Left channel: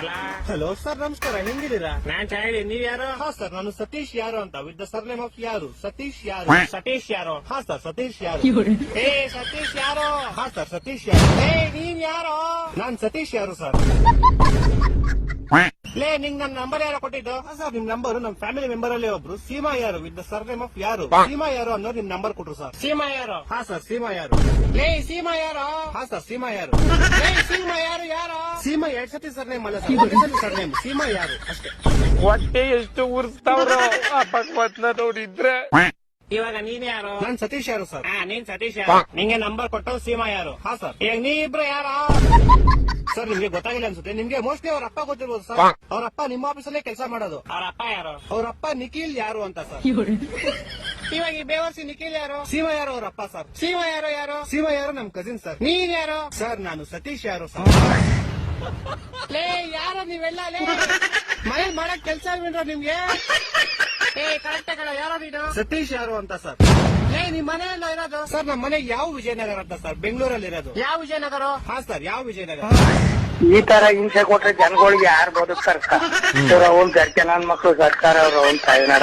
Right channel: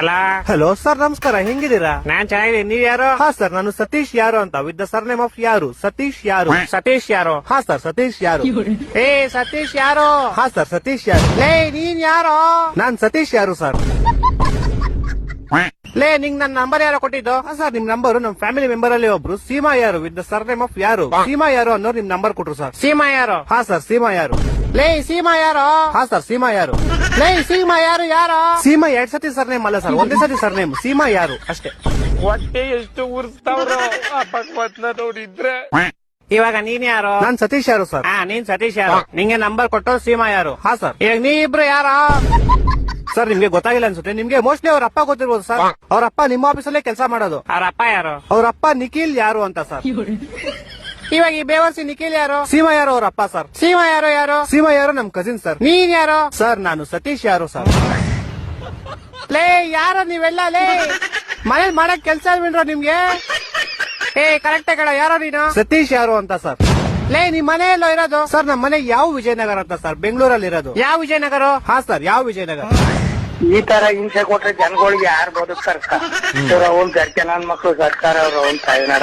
ಅಲ್ಲ hello sir, ನಮಸ್ಕಾರ. ಹೆಂಗಿದ್ದೀರಾ? ನಾನ್ ಚೆನ್ನಾಗಿದ್ದೀನಿ. ನೀವ್ ಯಾರು? ಹಾ ಸರ್, ನಾನು ಸತೀಶ್ ಯಾರು ಅಂತ, ವಿತ್ ದ ಸರ್ನೇಮ್ ಆಫ್ ಯಾರು. ಸತೀಶ್ ಯಾರು. ಸತೀಶ್ ಯಾರು? ಹಾ ಸರ್, ಸತೀಶ್ ಯಾರು. ಏ ಸತೀಶ್ ಯಾರು? ಹಾ ಸರ್, ಸತೀಶ್ ಯಾರು. ಏ ನೀನ್ ಯಾರು? ನಾನ್ ಸತೀಶ್ ಯಾರು ಸರ್. ಲೇ ನಿಂಗ್ ನನ್ ನಂಬರ್ ಯಾರೋ ಕೊಟ್ಟಿದ್ದು? ಹಾ ಸರ್, ನಿಮ್ ನಂಬರ್ ನಮ್ ಫ್ಯಾಮಿಲಿ ಮೆಂಬರ್ ಅಲ್ಲಿ ಒಬ್ರು ಸೀಮಾ ಯಾರು ವಿತ್ ದ ಸರ್ನೇಮ್ ಆಫ್ ಯಾರು, ಸೀಮಾ ಯಾರು ಅನ್ನೋರು ನಿಮ್ ನಂಬರ್ ಕೊಟ್ರು ಸರ್. ಸೀಮಾ ಯಾರು? ಹಾ ಸರ್, ಸೀಮಾ ಯಾರು. ಲೇ ಸೀಮಾ ಯಾರು? ಹಾ ಸರ್, ಸೀಮಾ ಯಾರು. ಲೇ ಸೀಮಾ ಯಾರು? ಯಾರು? ಸೀಮಾ 2 ಸತಿ ಸರ್ನೇಮ್ ಅಲ್ಲ ಸರ್, ಒಂದೇ ಸತಿ ಸರ್ನೇಮ್. ಸೀಮಾ ಯಾರು ಅಷ್ಟೇ. ಹೊಟ್ಟೆ ಎಷ್ಟು ಉರ್ಸ್ತಾವ್ರು ಅಪಕ್ವತ್ನ ನೋಡಿದ್ರೆ. ಇವಾಗ ನೀನ್ ಯಾರು? ನಾನ್ ಸತೀಶ್ ಯಾರು ಸರ್. ನೀನ್ ಸತೀಶ್ ಯಾರು? ನಿಂಗೆ ನಂಬರ್ ಕೊಟ್ಟು ಸೀಮಾ ಯಾರು? ಹಾ ಸರ್. ಇವಾಗ ನೀ ಇಬ್ರು ಯಾರ? ಸರ್, ನಿಮ್ಗೆ ಗೊತ್ತಾಗಿಲ್ಲ ಅನ್ಸುತ್ತೆ. ನಿಮ್ಗೆ ಮೋಸ್ಟ್ಲಿ ಅವ್ರ ಅಪ್ಪ ಗೊತ್ತಿರ್ಬೋದು ಸರ್. ಅವ್ರ ಅಪ್ಪ ನಿಮ್ಮ ಆಫೀಸಲ್ಲೇ ಕೆಲಸ ಮಾಡೋದು. ಅವ್ರ ಅಪ್ಪ ಯಾರು? ಅವ್ರ ಅಪ್ಪ ನಿಖಿಲ್ ಯಾರು ಅಂತ ಸರ್. ಇವಾಗ ಈ ಬೇವರ್ಸಿ ನಿಖಿಲ್ ಯಾರು? ಸೀಮಾ ಯಾರು ಅವ್ರ ಅಪ್ಪ ಸರ್. ಸೀಮಾ ಯಾರು? ಯಾರು? ಸೀಮಾ ಯಾರು ನಮ್ ಕಸಿನ್ ಸರ್. ನೀನ್ ಯಾರು? ಸರ್, ನಾನು ಸತೀಶ್ ಯಾರು ಸರ್. ಲೇ ಯಾರು ನೀವೆಲ್ಲ? ಲೇ ಮನೇಲಿ ಮಾಡಕ್ ಕೆಲ್ಸ ಇಲ್ವೇನ್ರೋ ನಿಮ್ಗೆ? ಏ ಕರೆಕ್ಟ್ ಕಡ, ಯಾರೋ ನೀನು? ಸತೀಶ್ ಯಾರು ಅಂತ ಸರ್. ಲೇ ನಿಮ್ ಮನೆ ಎಲ್ಲೋ ಇರೋದು? ಸರ್, ನಮ್ಮ ಮನೆ ಯಾವ ವಿಜಯನಗರ ಅಂತ ಸರ್, ಬೆಂಗಳೂರಲ್ಲಿ ಇರೋದು. ಯಾವ ವಿಜಯನಗರ? ಹಾ ಸರ್, ಯಾವ ವಿಜಯನಗರ. ಈ ತರ ಹಿಂಸೆ ಕೊಟ್ರೆ ಜನಗಳಿಗೆ ಯಾರು ಬದುಕ್ತಾರ? ಅವ್ರ ಅವ್ನ್ ಗರ್ಜೆ ನನ್ ಮಕ್ಳು ಸರ್ಕಾರ ಅವ್ರ ಅವ್ನ್ ತಾಯಿನಾಡ